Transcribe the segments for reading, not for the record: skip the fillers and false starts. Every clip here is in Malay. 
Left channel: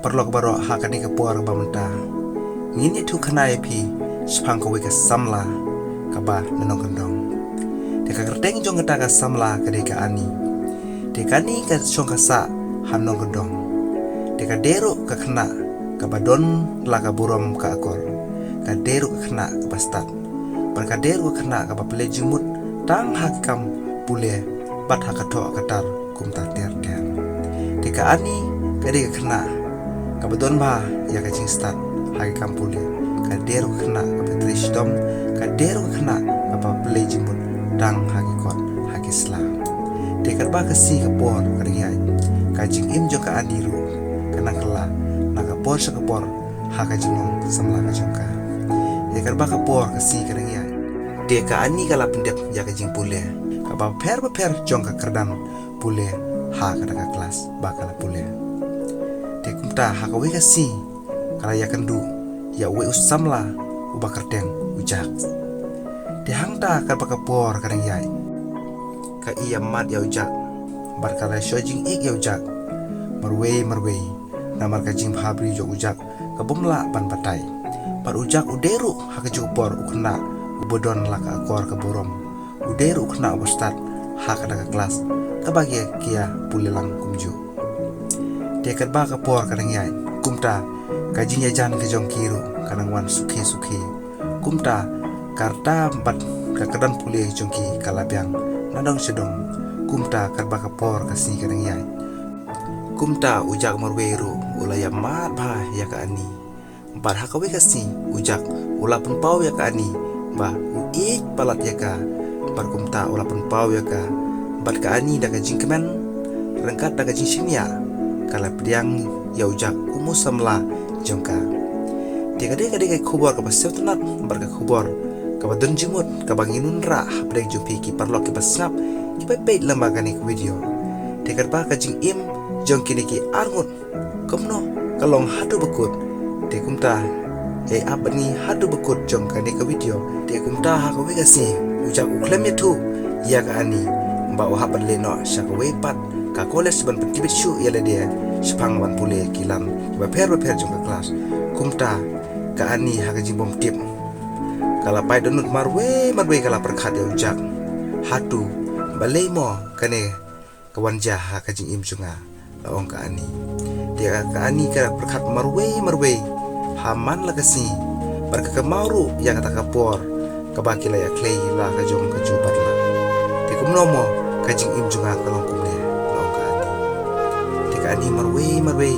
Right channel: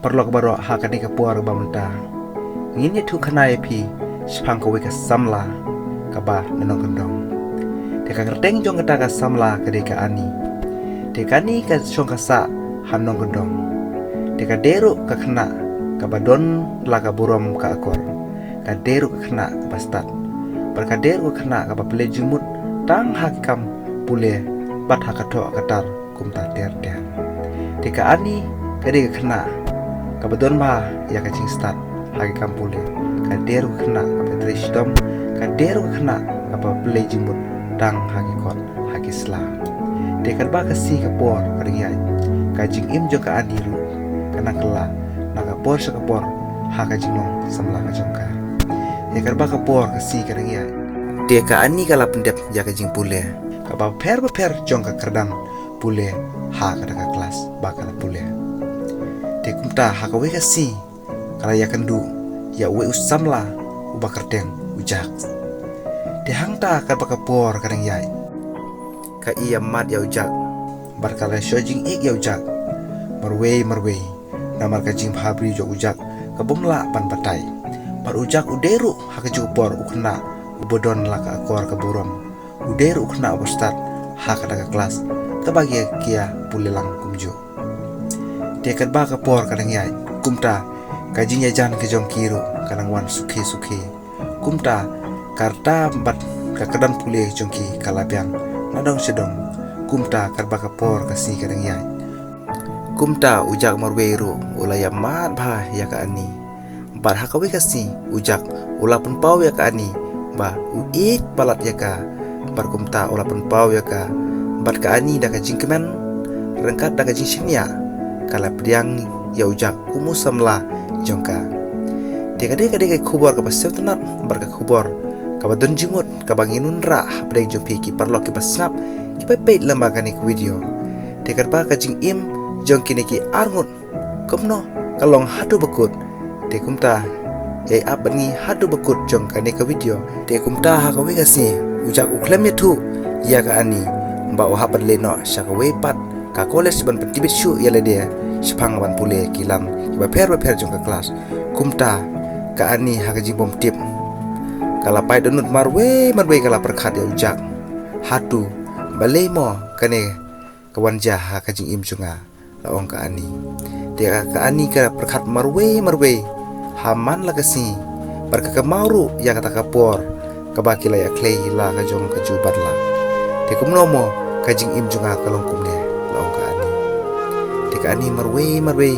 perlu baru hakani ke puar bamta ngini tu khanai phi spang ko ka samla ka ba nanong kendong de ka kerteng jong ka samla ka de ka ani de ka ni ka song ka sa hanong kendong de ka deru ka khna ka badon la ka burom ka akor ka deru ka khna ka bastat par ka deru ka khna ka ba ple jumut tang hakam pule bat hakato akatar kumta ter ter de ka ani ka de ka khna ka badon ba ya ka ching start hakam pule ka deru ka khna ka patristom ka deru ka khna ka ba ple jumut tang hakikot hakisla de ka ba ka si ka por ka ringai ka jing im jo ka ani ru kanang kala na ka por sa ka por ha ka jingong samla ka jongka he ka ba ka por ka si ka ringai de ka ani kala pendep ya ka jing pule ka ba per jong ka kerdan pule ha ka ka kelas ba kala pule de kumta ha ka we ka si kala ya kandu ya we usamla uba kerdeng ujak de hangta ka ba ka por ka ringai ka iya mat ya ujak bar kala shojing ik ya ujak marwe na mar ka jing bhabri jo ujak ka bomla pan batai par ujak uderu ha ka jupor ukna ubodon la ka akor ka borom uderu ukna ubostat ha ka daga kelas ka bagi kia pulilang kumju de ka ba ka por ka ngai kumta ka jing ya jan ka jong kiru kanang wan sukhe kumta karta bat ka kadan pulih jongki kalabyang nadong sedong kumta karba ka por ka si ka ngai kumta ujak marweru ulaya mat ba ya ka ani bar hakawe ka si ujak ulapun pau ya ka ani ba uik palat ya ka bar kumta ulapun pau ya ka bar ka ani da ka jingkemen rengkat da ka jingsinya kala priang ya ujak umusamla jongka deka khubor ka basep tanat bar ka khubor ka badon jimut ka banginun ra hapdeng jompi ki parlok ki basnap ki pepet lembaga ni video deka ba ka jing im jong kini ki arngut komno kalong hatu bekut de kumta e abani hatu bekut jong kani ka video de kumta ha ka we ka si ujak uklem ya tu ya ka ani ba o hapan le no sha ka we pat ka college ban petibit shu ya le dia spang ban pule kilam ba per jong ka kelas kumta ka ani ha ka jing bom tip kala pai donut marwe kala perkhat ya ujak hatu balei mo kane kawanja ha ka jing im junga laong ka ani dia ka ani ka perkhat marwe haman la kasi bar ka mauru ya kata ka por ka bakila ya klei la ka jong ka jubat la te kumnomo ka jing im junga ka long kumne laong ka ani te ka ani marwe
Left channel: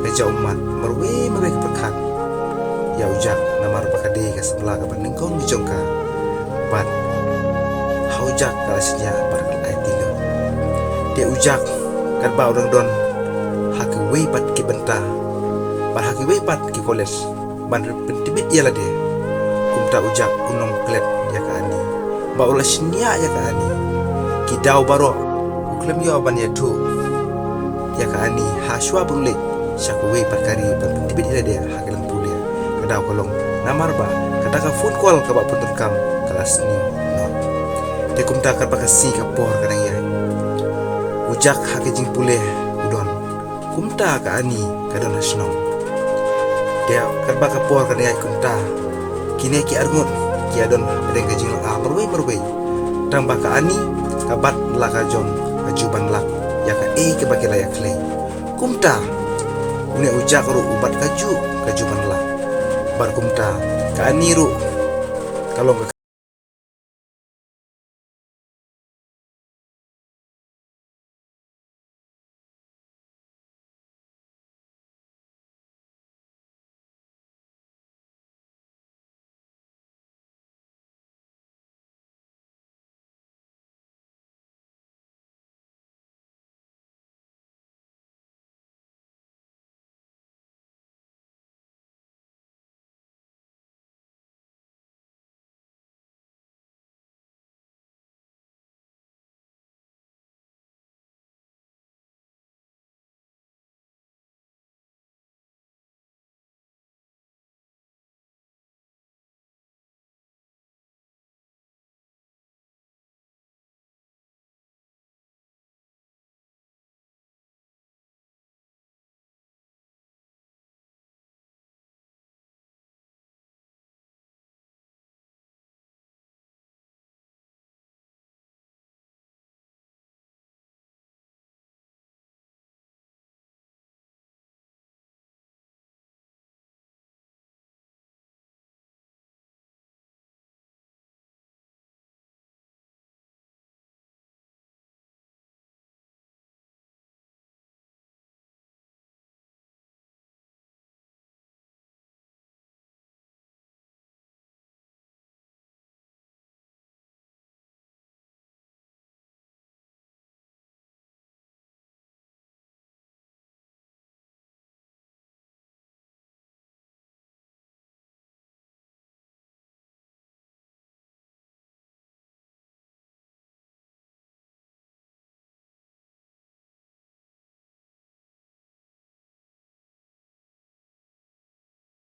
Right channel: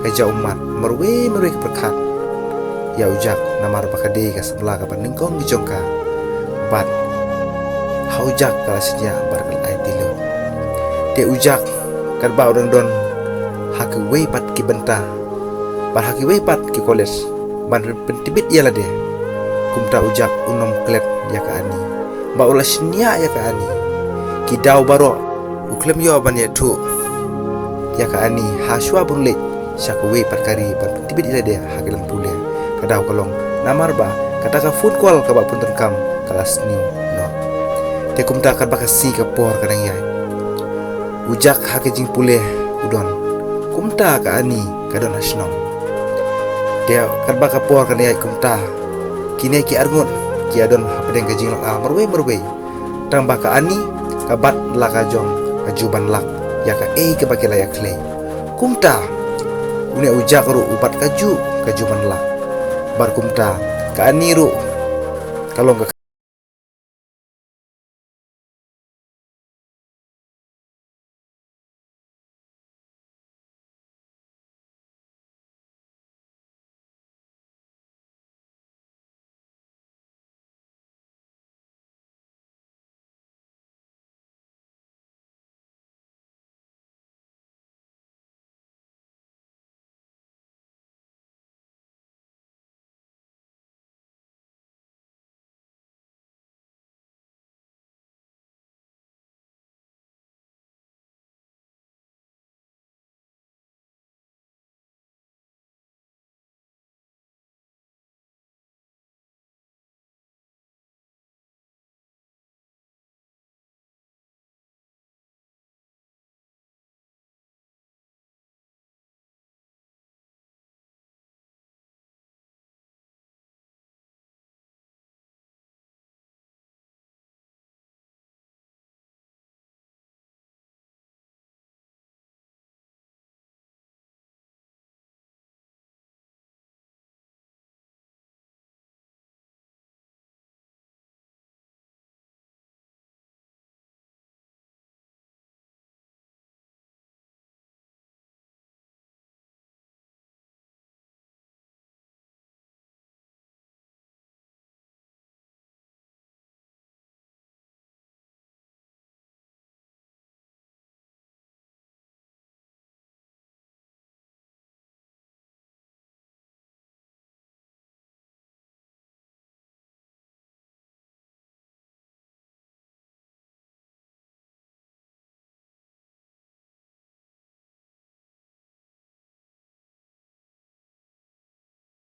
ka jaumat marwe ka perkhat ya ujak namar bakade ka sabla ka baningkong di jongka bat haujak ka asnya bar ka ai tilo te ujak karba orang don haki wei pat ki benta bar haki wei pat ki college ban pentibit ia lade kumta ujak unom klet ya ka ani ba ula shnia ya ka ani ki dau baro uklem yo ban ya tu ya ka ani haswa bunle syak wei pat kari ban pentibit ia lade haki lang pule ka dau kolong namar ba kata ka food call ka ba punten kam kelas ni no te kumta karba ka si ka por kadang ya ujak hake jing pule udon kumta ka ani kadon asnong dia karba ka por ka niai kumta kine ki arngut ki adon hapdeng ka jing marwe tang ba ka ani ka bat la ka jong ka juban lak ya ka ke ba layak klei kumta une ujak ru ubat ka juban lak bar kumta ka ani ru kalong ka